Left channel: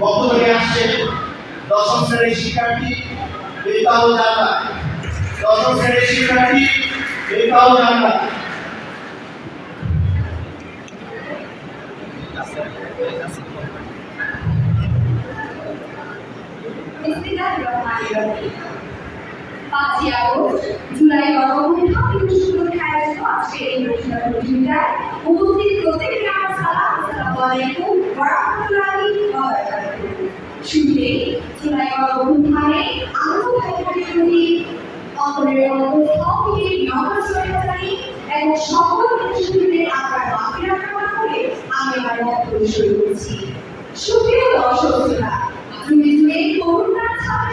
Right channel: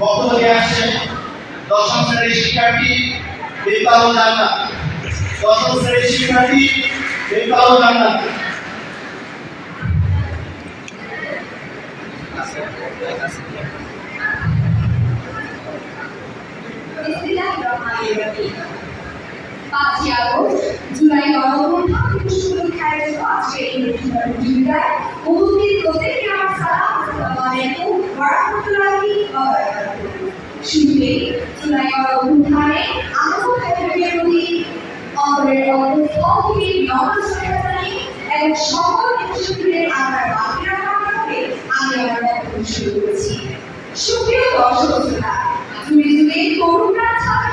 বক্তব্য নিয়ে আসছেন দশম শ্রেণির শিক্ষার্থী বেতাউ জান্নাত দশম শ্রেণির শিক্ষার্থী জান্নাত বিসমিল্লাহিররহমানিররহিম। পাঁচই জুলাই গণঅভ্যুত্থানে আহত ভাইদের প্রতি অন্তরের অন্তঃস্থল থেকে বিনম্র শ্রদ্ধা জানিয়ে এবং সকল উপস্থিতদের আমার বাকিরা কামনা করে আমি আমার বক্তব্য শুরু করছি। সুপ্রিয় দর্শক শ্রোতা যুগে যুগে তরুণরা ছাত্র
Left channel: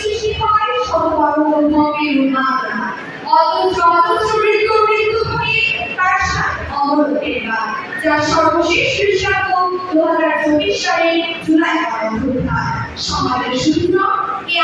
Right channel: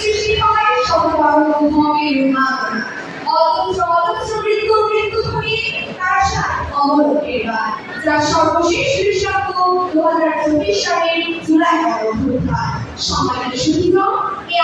সৃষ্টি হয় সর্ববর্ণ ধর্মের উন্মাদনা যার সর্বশেষ দৃষ্টান্ত দু হাজার চব্বিশ সালের জুলাই গণঅভ্যুত্থান সমাজের সুবিধ এই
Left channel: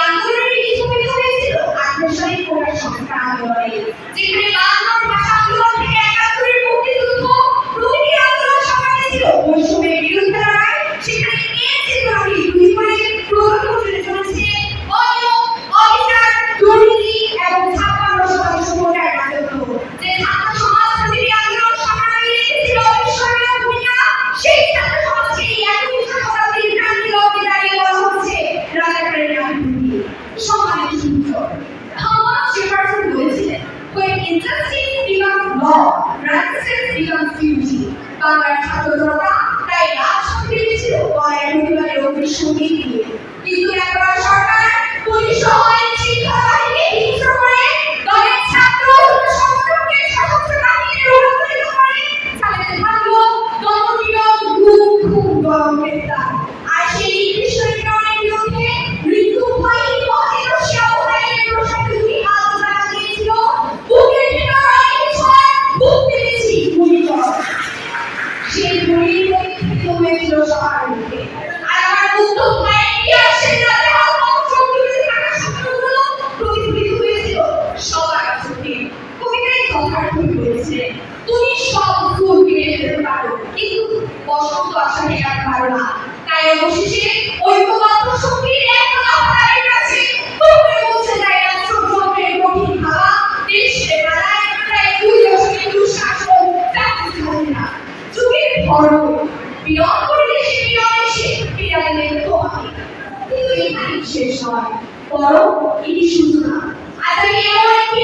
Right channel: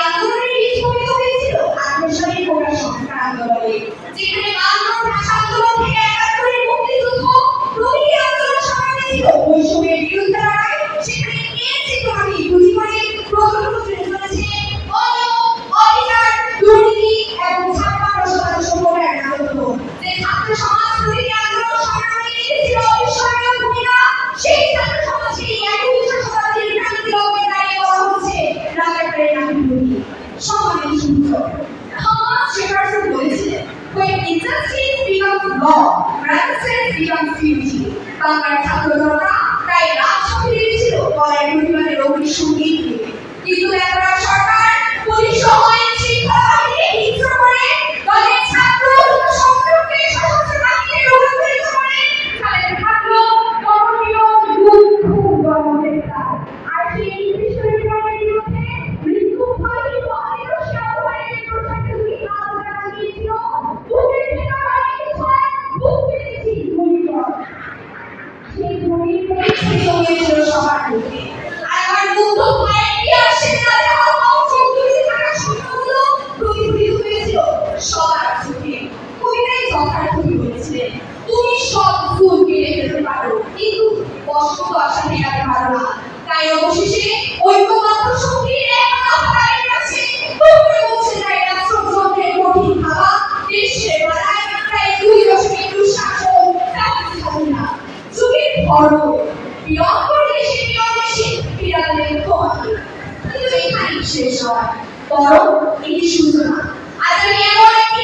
injustice becomes law righteousness becomes duty বাংলার ছাত্র জনতা তাই রাজপথে নেমেছিল গলায় সেই গুলির পরিস্থিতি হয়েছিল সবার মুখে। আর সবার চোখে বলেছিলেন তুমি সব ফুল কেড়ে ফেলতে পারো, কিন্তু বসন্ত আসা পারো না। তাই অবশেষে ঐক্যবদ্ধ শক্তির একতা তাদের কাছে কিন্তু এখানেই শেষ হয়। বরং এটি সূচনা না। আমি এমন একটি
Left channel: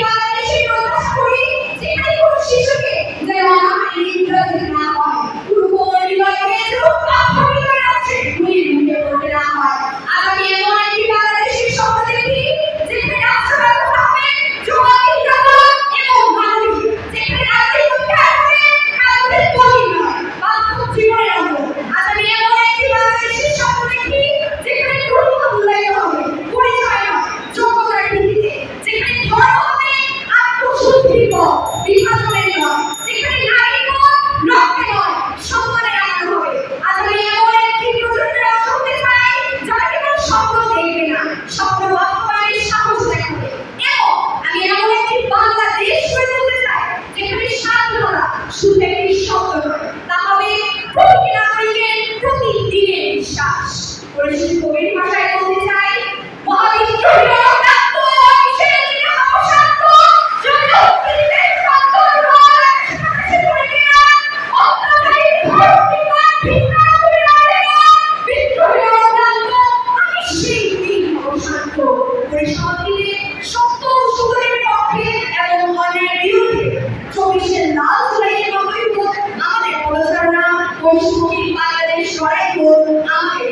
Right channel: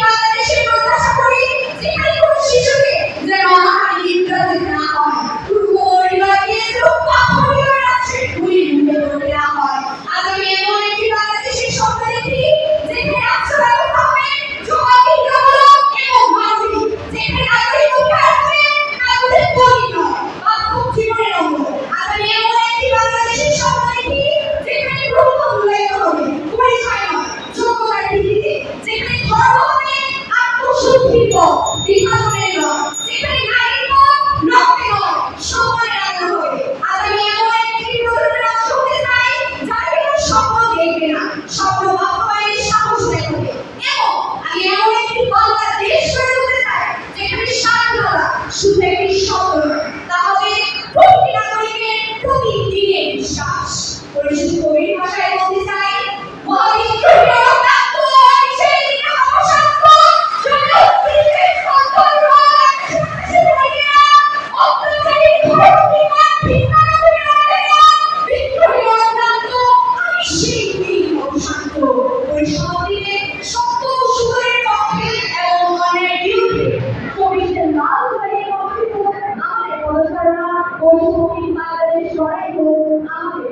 বাংলাদেশ লড়াই হোক আমাদের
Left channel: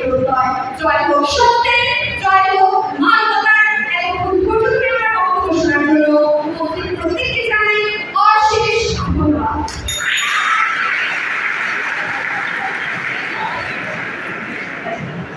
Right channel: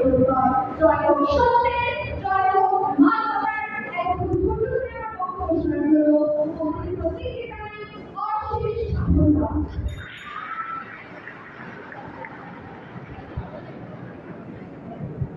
জয় হোক